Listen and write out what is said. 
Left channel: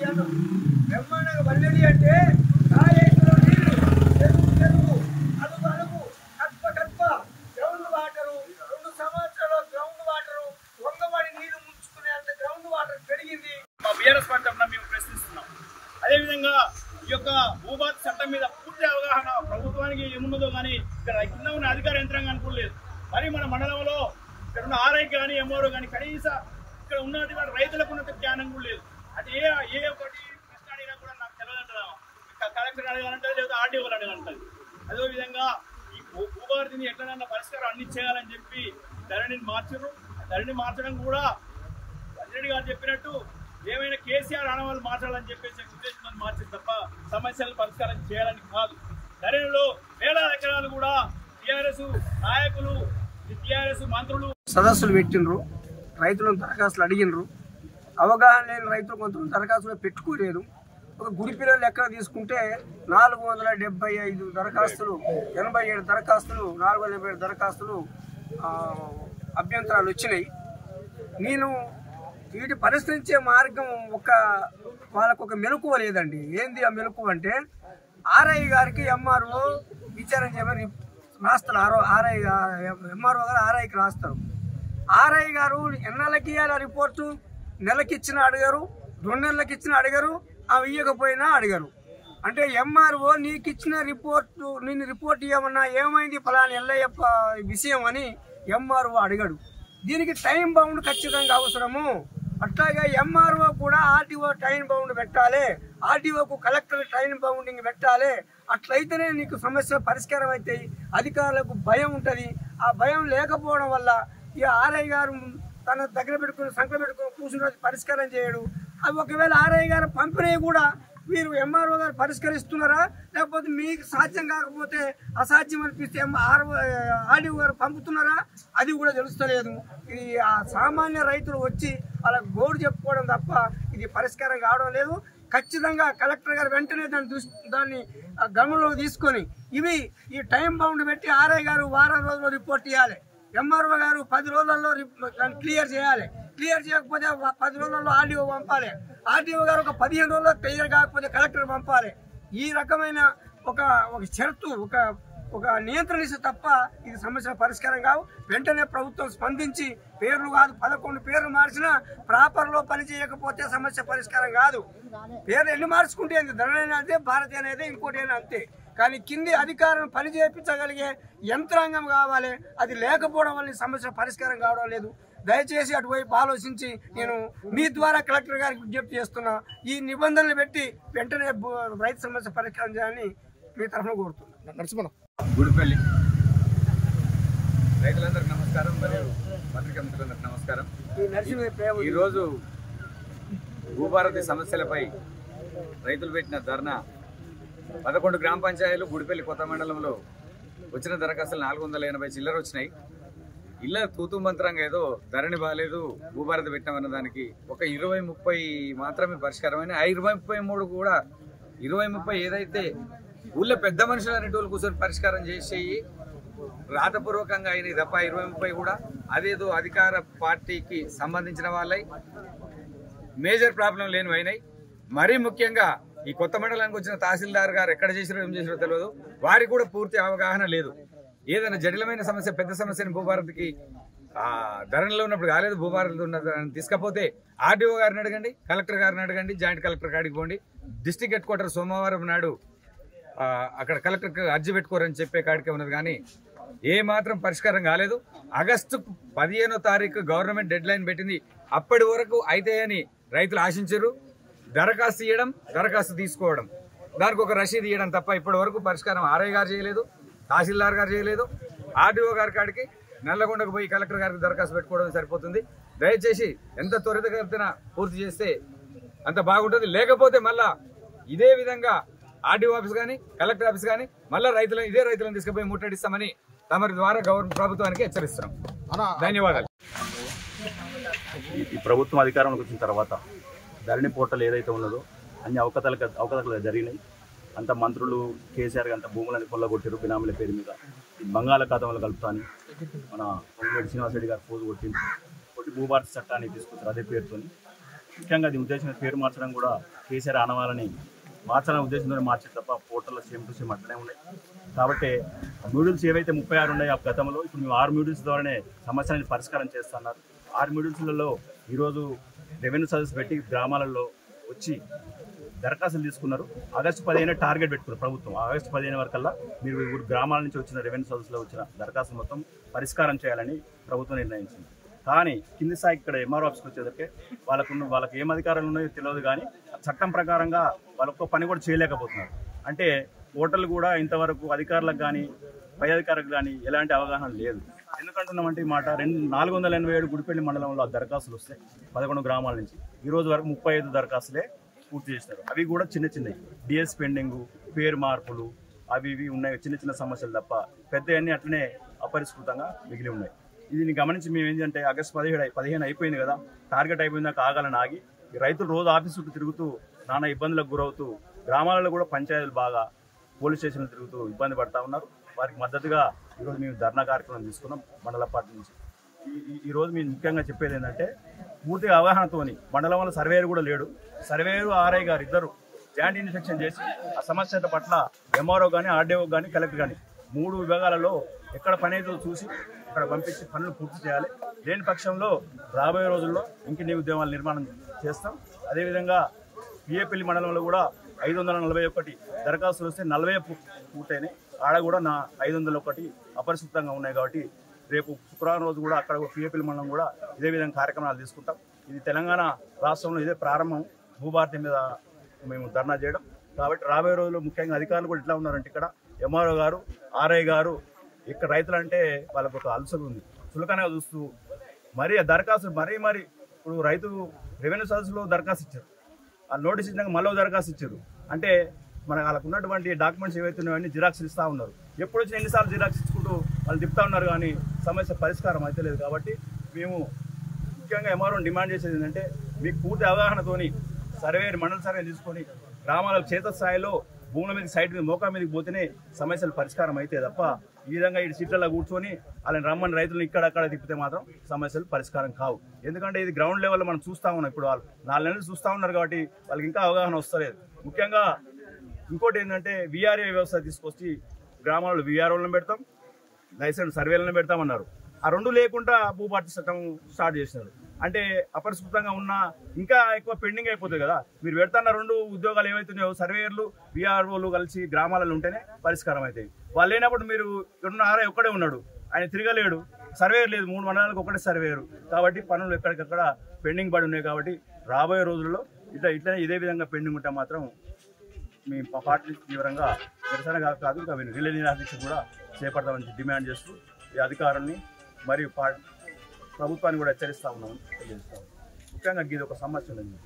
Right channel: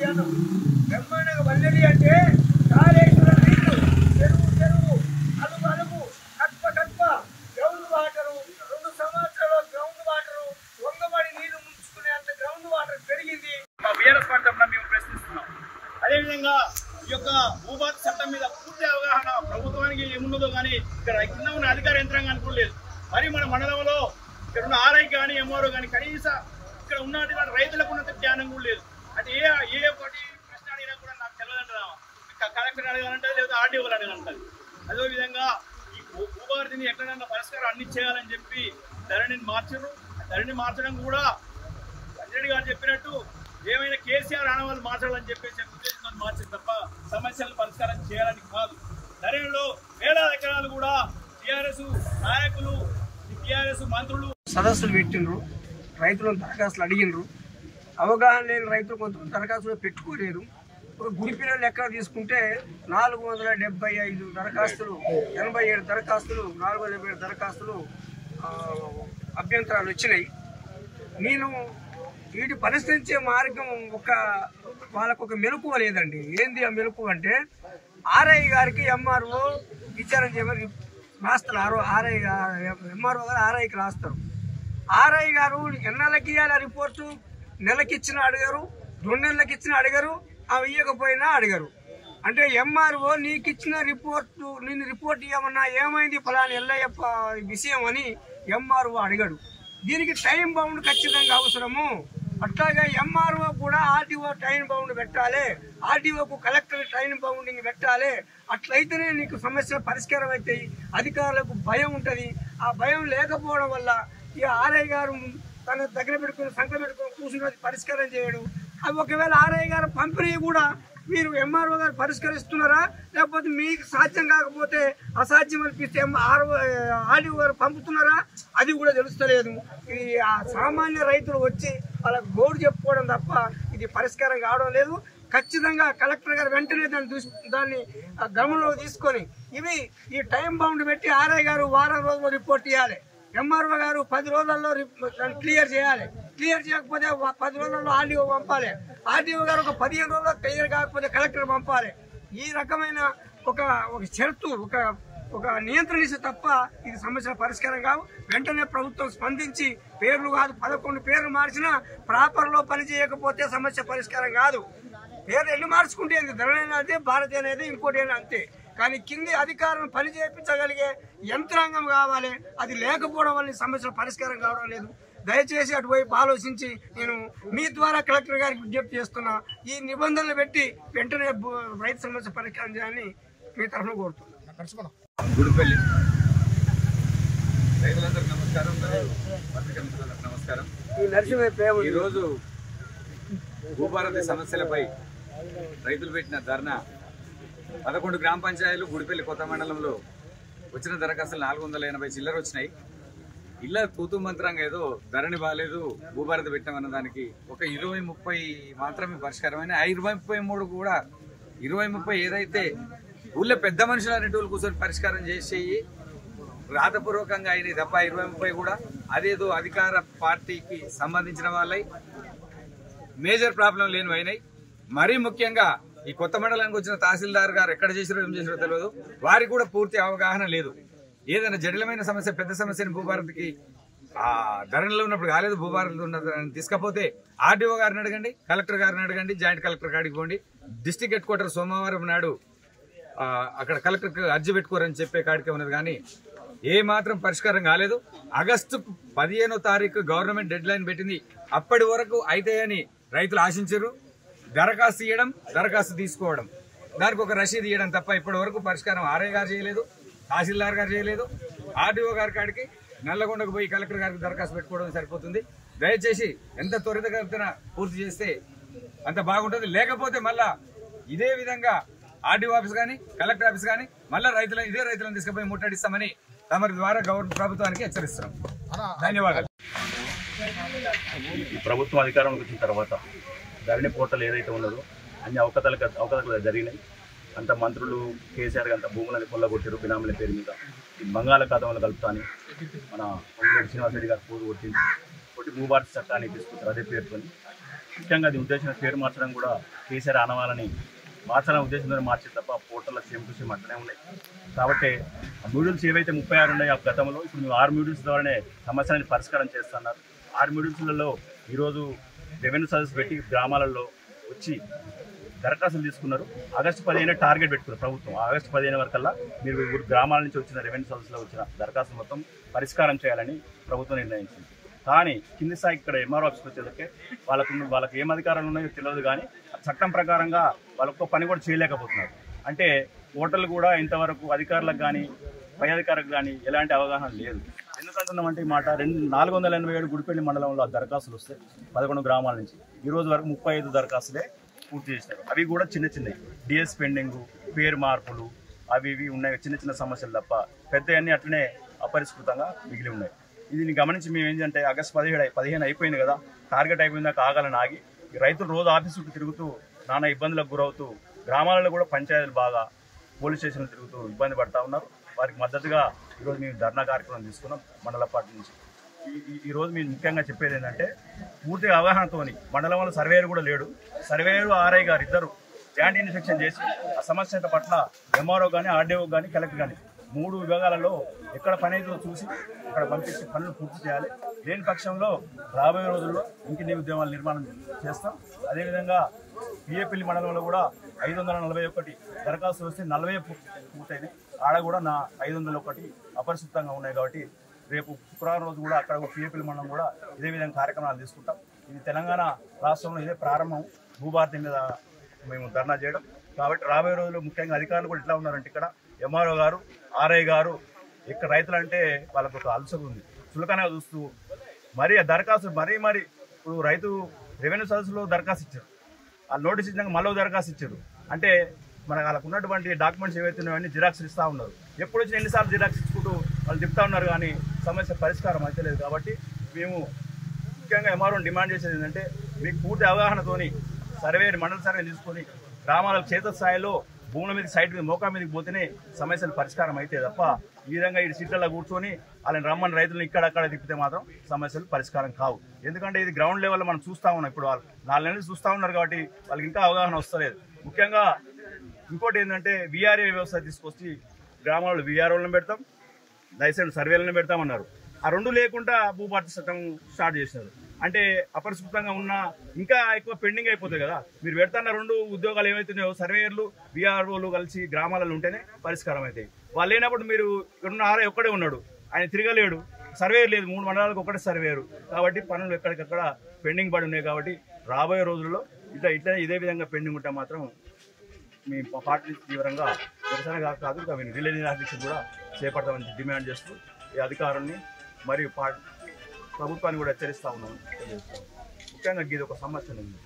వల్లెడి అను బ్రహ్మాండంగా వల్లెడి అంటే కాళేశ్వరం నీళ్లు చెరువు అలుగు కట్ప గ్రౌండ్ వాటరు 2 సంవత్సరాలు గ్రౌండ్ వాటరు వంగబడి నీళ్లు ముంచుకునేంత గ్రౌండ్ వాటర్ పెరిగింది. మా బీఆర్ఎస్ పార్టీ తరఫున మేము ప్రశ్నిస్తున్నాం. అదేవిధంగా ఈ యొక్క భూభారతి చట్టం మీద పూర్తి అవగాహన ప్రభుత్వానికి ఏమున్నదో కానీ ఇక్కడ కింద ఉన్న అధికార యంత్రాంగానికి కూడా లేదు. మరి మన మండలంలో ఇక్కడ ఉన్న ఆర్ఐ కానీ ఎంఆర్ఓ కానీ కనీసం ఇక్కడ ఉన్నటువంటి రైతులకు ఉన్నంత జ్ఞానం కూడా లేదు. అంటే ఏ ఒకటి ప్రశ్న అడిగినా కూడా నాకు తెలియదంటారా, కలెక్టర్ అడగాలంటే లేదా ఆర్డీఓ అడగాలంటుంది. అదేవిధంగా ఈ భూభారతిని ఎట్లనన్నా పరిష్కారం అన్ని చేయాలని చెప్పి ధరణిని మార్చారు. ధరణి మార్చడం కూడా అంజరెడ్డి గారు చెప్పినట్టు ఏమైనా కేసీఆర్ ఆనవాళ్ళు మార్చాలని చెప్పేసి ఉద్దేశంతో మార్చింది తప్ప సమస్యలను పరిష్కారం చేయాలని కాదు. ధరణిలో వేలాది ఎకరాలు కూడా టీఆర్ఎస్ నాయకులు టీఆర్ఎస్ మంత్రులు సదస్సులు పెట్టిండ్రు, రైతులను దరఖాస్తులు అడిగినరు. అవగాహన లేని రైతులు కొంతమంది దరఖాస్తులు పెట్టుకోలేరు. ఒక గుడి పిల్లలు లెక్క తీసుకుంటే 475 దరఖాస్తులు, 87 దరఖాస్తులు, 477 దరఖాస్తులు అభ్యంతరాలు వచ్చినాయి. నేను వీటి పరిష్కరించే మార్గం వాళ్ళకు ఒక మెలకువ లేదండి. ఏంది ఆ మెలకువ అంటే ఆర్ఐ గారికి ఎంఆర్ఓ విచారణ చేయమని రాస్తారు. ఎంఆర్ఓ గారు ఆర్ఐకి రాస్తారు. ఆర్ఐ గారు ఎన్నాళ్ళకి ఇవ్వాలి రిపోర్టు? నెలకి ఇచ్చిన అడిగారు, 2 నెలలకి ఇచ్చిన అడిగారు, అవి ఇవ్వకపోయినా అడిగారు. అంటే ఎంఆర్ఓ నీకు ఇచ్చిన రిపోర్టు, నేను రిపోర్ట్ ఇవ్వమన్నా ఏమైంది ఫలానా ఎల్లయ్యప్ప విషయం అని ఎంఆర్ఓ అడిగాడు. దీనికి టైం బౌండ్ ఖచ్చితంగా అవసరము. అట్లాగే ఎంఆర్ఓ కూడా ఆర్టీఓ టైం బౌండ్ పెట్టాలి, ఆర్టీఓకు కలెక్టర్ టైం బౌండింగ్ పెట్టాలి. అట్లయితేనే నీకు సమస్యలు పరిష్కారం అవుతాయి. అధికారులకు భయం ఉంటుంది. ఆ భయం లేకపోవడం వల్ల ఇక ఆర్ఐ గారు తన దగ్గర పెట్టుకుని సంఖ్య పెట్టుకుని కూర్చున్నది పరిష్కారం చేయడు. అవి ఒకవేళ ఆర్ఐ గారు పంపిణీ కూడా మీరు ఎంఆర్ఓ గారు పరిష్కరిస్తున్నారా, లేకపోతే మీకు సాధ్యం కాకపోతే అసాధ్యం అనిపిస్తే ఆర్డీఓ గారు పంపుతున్నారా, అది కూడా తెలుస్తలేదు. ఇది ఆ సామాన్య రైతులు వచ్చి వాళ్ళకి గోడు చెప్పుకోవడం తప్ప ఇది పరిష్కారం కావడం లేదు. ఖచ్చితంగా కలెక్టర్ గారు వెంటనే దాన్ని గమనంలో తీసుకొని ఈ టైం బౌండ్ పెట్టి ఆర్ఐ గారు వారం రోజుల్లో రిపోర్ట్ ఇవ్వాలి, ఎంఆర్ఓ గారు 10 రోజుల్లో దాన్ని క్లియర్ చేయాలి. క్లియర్ చేయకపోతే 10 రోజుల్లో ఆర్డీఓ పంపాలి, ఆర్డీఓ గారు ఒక 15 రోజుల్లో క్లియర్ కాకపోతే కలెక్టర్ పంపాలి. ఈ రకమైన ఒక షరతు, ఒక నియంత్రణ ఇస్తే తప్ప ఇది సమస్యల పరిష్కారం కావు. వెంటనే ప్రభుత్వం స్పందించి పేర్లు కాదు 11 పేర్లు మార్చినా ప్రాపర్లో పని చేయకపోతే సమస్య పరిష్కారం కాదు. పేర్లు ఎన్ని మార్చుకుంటే ధరణి అనేది భారతి అనేది ఇంకోటి అంతే. కానీ కింది అధికారం పని చేయించగలిగే యంత్రాంగం కావాలి. అది లేకపోవడం వల్ల సమస్యల పరిష్కారం కావడం లేదు. దయచేసి అటువైపు ఆలోచించి నేను మీ ద్వారా కలెక్టర్ గారికి విజ్ఞప్తి చేస్తున్నా. ఈ నిబంధనలు పెట్టి వెంటనే రైతు సమస్య పరిష్కారం చేయాలని మీ తరఫున కోరుతున్నాను. గుడిపల్లి రైతులందరికీ నమస్కారం, మరియు పత్రికా మిత్రులందరికీ నమస్కారం. ఈరోజు భూభారతి సమస్యలపై రైతులు పెట్టిన ధర్నా 11 గ్రామ పంచాయతీలు గుడిపల్లి కొత్త మండలంలో వచ్చిన దరఖాస్తులు 480 చిల్లర వచ్చినాయి. ఇళ్ళ తూతు మంత్రంగా ఏదో ధరణి బాగాలేదు భూభారతి పెట్టామన్న దానికి ఒక 20-30 మాత్రమే పరిష్కారమైన. ఆ 20-33 కూడా 20-30 ఏదైతే ఊళ్ళో పెద్ద మనుషులు అనేటోళ్ళు కూర్చొని పరిష్కారం చేసేయి రాతపూర్వకంగా అయినాయి తప్ప 20-30 కూడా అదేదో అధికార పార్టీకి సంబంధించిన వాళ్ళై మేజర్ ప్రాబ్లం లేనివి అయినాయి. మరీ ముఖ్యంగా ఈ కొత్త మండలానికి వచ్చిన తహసీల్దార్ గారు ఎక్కడ చేసిరో ఏం చేసిరో తెలియదు. వారికి కూడా పూర్తి అవగాహన లేదు. ఏదైనా జటిలమైన సమస్య, పెద్ద సమస్యని భూభారతికి ధరణిలో ఉన్నప్పుడు కాలేదు, భూభారతిలో ఉన్నదని తీసుకపోతే ఆర్డీఓ గారిని అడగండి, కలెక్టర్ గారిని అడగండి, జాయింట్ కలెక్టర్ కాడికి పోండి. డిస్ట్రిక్ట్ హెడ్ క్వార్టర్ సోమవారం నాడు అక్కడ కలెక్టర్కి అర్జీ పెట్టుకోరని చెప్పే కాడికే ఉన్నది. కానీ ఏ మాత్రం పరిష్కారం కాలేదు. ఆగస్టు 15వ తారీఖు గవర్నమెంట్ డెడ్ లైన్ పెట్టింది. అప్పటి వరకు అయితే అని రైతులు ఆశించారు. దరఖాస్తు ఇవ్వడం, దరఖాస్తు తీసుకోవడం, దానికి ఒక రసీదు ఇవ్వడం తప్ప ఇప్పటి వరకు పరిష్కారం ఆర్ఐ గారు చేయలేదు, తహసీల్దార్ గారు చేయలేదు. ఆర్డీఓ గారి కాడికి నల్లగొండకు పోయి కలెక్టర్ గారికి దరఖాస్తు పెట్టుకోవడం సరిపోతుంది. దయచేసి ఎంత త్వరితగతిన పూర్తి చేస్తే అంత బాగుంటుంది. లేకపోతే మళ్ళా ఇదే విధంగా ఆర్డీఓ ఆఫీస్ కానీ కలెక్టర్ ఆఫీస్ కానీ మళ్ళీ ఇదే రైతులను తీసుకుపోయి ముట్టడిస్తామని తమరి ద్వారా ప్రభుత్వానికి హెచ్చరిస్తున్నాం. ధన్యవాదాలు. ఈ ప్రభుత్వం అధికారంలోకి వచ్చిన తర్వాత ధరణి పోర్టల్ ఏదైతే ఉన్నదో అన్ని అవకతవకలు జరిగినాయి. అంత మంత్రులు కేసీఆర్ అంత భూములని కొల్లగొట్టారు బినామీల పేరు మీద. బంగాళాఖాతంలో కలుపుతాని మన పొంగులేటి శ్రీనివాసరెడ్డి గారు పోజు కొట్టి భూభారతి చట్టాన్ని తీసుకొచ్చారు అదే పేరుతోని. ముఖ్యంగా అది ఉద్దేశంగా పేరు మార్చడం కూడా కేసీఆర్ ఆనవాలని మార్చాలనే ఉద్దేశంతో మార్చారు తప్ప పోర్టల్లో సేమ్ టు సేమ్ అట్లనే ఉన్నాయి. కాబట్టి ఆ మ్యూడిల్స్ ఏవైతే 36 ఉన్నాయో ఆ గతంలో ఇప్పుడు మేము 6 మ్యూడిల్స్ ద్వారానే సమస్యలని పరిష్కారం చేస్తున్నారు. 6 మ్యూడిల్స్లలో ఈరోజు రెవెన్యూ సర్వీస్ పెట్టి గ్రామాలలో వచ్చి దరఖాస్తులు తీసుకున్నారు. ఆగస్టు 15 టార్గెట్ పెట్టుకున్నారు ప్రభుత్వం. ఆగస్టు 15 వరకల్లా మీరు గ్రామాల నుంచి వచ్చిన రెవెన్యూ సర్వీస్లో వచ్చిన దరఖాస్తులు మొత్తం పరిష్కారం చేయాలని ప్రభుత్వం నిర్ణయించింది. కానీ కింది స్థాయికి ఇక్కడ ఎంఆర్ఓ ఆఫీస్కి వచ్చేసరికి వాళ్ళకి ఏం అధికారాలు ఉన్నాయో తెలియదు. కానీ చట్టం ప్రకారంగా వాళ్ళొక్క పని కూడా చేయలేకపోతున్నారు. అంటే ఓటర్లు కూడా ఇంతవరకు అధికారులకు కానీ పై అధికారులకు కానీ ఎలాంటి అవగాహన లేదు. ఎందుకంటున్నామంటే ఈ మాట 487 గుడిపల్లి మండలంలో దరఖాస్తులు వస్తే 11 గ్రామాల నుంచి ఈ రోజు వరకు 35 దరఖాస్తులే పూర్తి చేస్తారు. అవి కూడా చిన్న చిన్నవి, డిఎస్ పెండింగు, పేరు మార్పులు, అవి ఇవి ఉన్నాయి, చిన్న చిన్న సమస్యలు తప్ప పెద్దవన్నీ అట్లనే అపరిష్కృతంగా మిగిలి ఉన్నాయి. ఇది గమనించి మేము ఏంటంటే ఆగస్టు 15 అయిపోయింది కదా, టార్గెట్ అయిపోయిందాక ఆగాలని ఆగి రైతులు రోజు ఆఫీస్ చుట్టూ తిరుగుతూ నానా ఇబ్బందులకు గురవుతూ గ్రామాలలో కూడా పంచాయతీలు బాగా పోలీస్ స్టేషన్లు తిరుగుతూ ఇబ్బంది పడతా ఉన్నారు. వారికి మద్దతుగా ఈరోజు మేము ధర్నా కార్యక్రమం తీసుకున్నాం మండల పార్టీ నుంచి. ఈరోజు మేము ముఖ్యంగా చెప్పేది ఏంటంటే పూర్తిగా అవగాహనతోని మండలంలో సర్వేయర్ కూడా లేడు, సర్వేయరు ఆర్ఐ గారు ఇద్దరు జాయింట్ ఇన్స్పెక్షన్ చేసి ఆ సమస్యల పట్ల ఎంఆర్ఓ కానీ ఆర్డీఓ కానీ కలెక్టర్ కానీ 3 విభాగాలలో ఎక్కడ పని అయితే చూసి అక్కడ పంపించి పనులు పూర్తి చేయాలి. లేని పక్షంలో రాబోయే రోజుల్లో ఇంకిన్ని ఉద్యమాల నిర్మాణం చేస్తాం. అదేవిధంగా పిఏపల్లి మండలంలో కూడా 541 దరఖాస్తులు వస్తే 40 పూర్తయినాయి. ఆడ కూడా 501 అపరిశుభ్రంగా ఉన్నాయి. కాబట్టి రేపు శుక్రవారం రోజు కూడా అక్కడ పిఏపల్లి మండలం కూడా ఇదే విధంగా కార్యక్రమాలు తీసుకుంటాం. ఇది తెలంగాణ రాష్ట్రంలో ఇదే ప్రారంభం భూభారతి మీద మేము ధర్నా చేయడం. కాబట్టి రాబోయే రోజుల్లో ముఖ్యంగా అధికారులు కూడా ఇట్లా ఉన్నారంటే ఇక్కడ ఎంఆర్ఓ గారు ఆర్ఐ గారు ఇక్కడ రైతులు అంటే వాళ్ళకు ఒక అలసట ఉంది, చులకనగా చూస్తూ మరీ ఆ దరఖాస్తు మరీ ఇప్పుడు రైతు రెవెన్యూ సర్వీస్లో దరఖాస్తు ఇచ్చారు, ఆ నోటీస్ ఇచ్చినాక మళ్ళీ దరఖాస్తు ఇచ్చారు. అంటే మనకు వాళ్ళకు ఉన్నటువంటి డాక్యుమెంట్స్ ఏవైతే ఉన్నాయో అన్ని జిరాక్స్ ఇస్తూ ఉన్నారు. ఎప్పుడు వచ్చిన ఎన్నిసార్లు జిరాక్స్ ఇచ్చుకుంటూ వాళ్ళు చెప్తా ఉన్నారు కానీ సమస్య పరిష్కారం అయితే లేదు. కాబట్టి మేము ముఖ్యంగా ఎంఆర్ఓని డిమాండ్ చేసేది ఏంటంటే మీకు పూర్తి అవగాహనతోని మండల సర్వే తీసుకొని గ్రామాల క్షేత్రస్థాయిలో భూముల మీద సైడ్ మీద మోకా మీదకి పోతేనే సమస్యలు పరిష్కారం అయితే తప్ప ఈ విధంగా ఈ సీట్లలో కూర్చొని వాళ్ళని రమ్మని రైతులను ఇక్కడక్కడ తిప్పితే మాత్రం సమస్యలు పరిష్కారం కావు. ఎందుకంటే ఇది గ్రౌండ్ లెవెల్లో మనం చూస్తూ ఉన్నాం. ఇప్పుడు వాళ్ళు 4 నెలలు చూస్తూ ఉన్నారు కాబట్టి వాళ్ళకి ఇంకా అవగాహన వస్తలేదు. ముఖ్యంగా ఇంకోటి ఏంటంటే వీఆర్ఏ వ్యవస్థ తీసుకొచ్చి గ్రామాల్లో వీఆర్ఓలను పెడతాం, లైసెన్స్ సర్వేలను పెడతామన్నారు. ఆ 2 లేకుండా భూభారతి చట్టం స్టార్ట్ చేసినారు. అంటే అపరిశుభ్రంగా ఉన్న ఇంకా ఎక్కువ పెండింగ్ అయిపోతుంది కదా. మీరు పెడతాన్న 2 ఉద్యోగాలు ఏవైతున్నాయో సర్వేయర్లు వీఆర్ఓలు కలిసి గ్రామాలలో ఉంటేనే పరిష్కారం అవుతాయి. వాళ్ళు లేనప్పుడు మీరు ఉన్న ఆర్ఐ ఒక్కడే ఉన్నాడు, ఆయన తిరగలేడు, సర్వేయర్ లేదు, 3 మండలాలకు ఒకటే సర్వేయరు. కాబట్టి పనులు ఎక్కడికక్కడ పెండింగ్ పడి ఉన్నాయి. కాబట్టి రాబోయే రోజుల్లో ఇట్లా ఇదే విధంగా పెండింగ్ ఉంటే మాత్రం మీ పార్టీ తీవ్రంగా నిరసన కాదు రిలే నిరాదీక్ష కూడా చేపడతామని డిమాండ్ చేస్తూ ఈ అధికారాన్ని మరియు ప్రభుత్వాన్ని కూడా హెచ్చరిస్తా ఉన్నామని తెలియజేస్తాం. ముఖ్యంగా ఇది ఒక సమస్య ఉంది.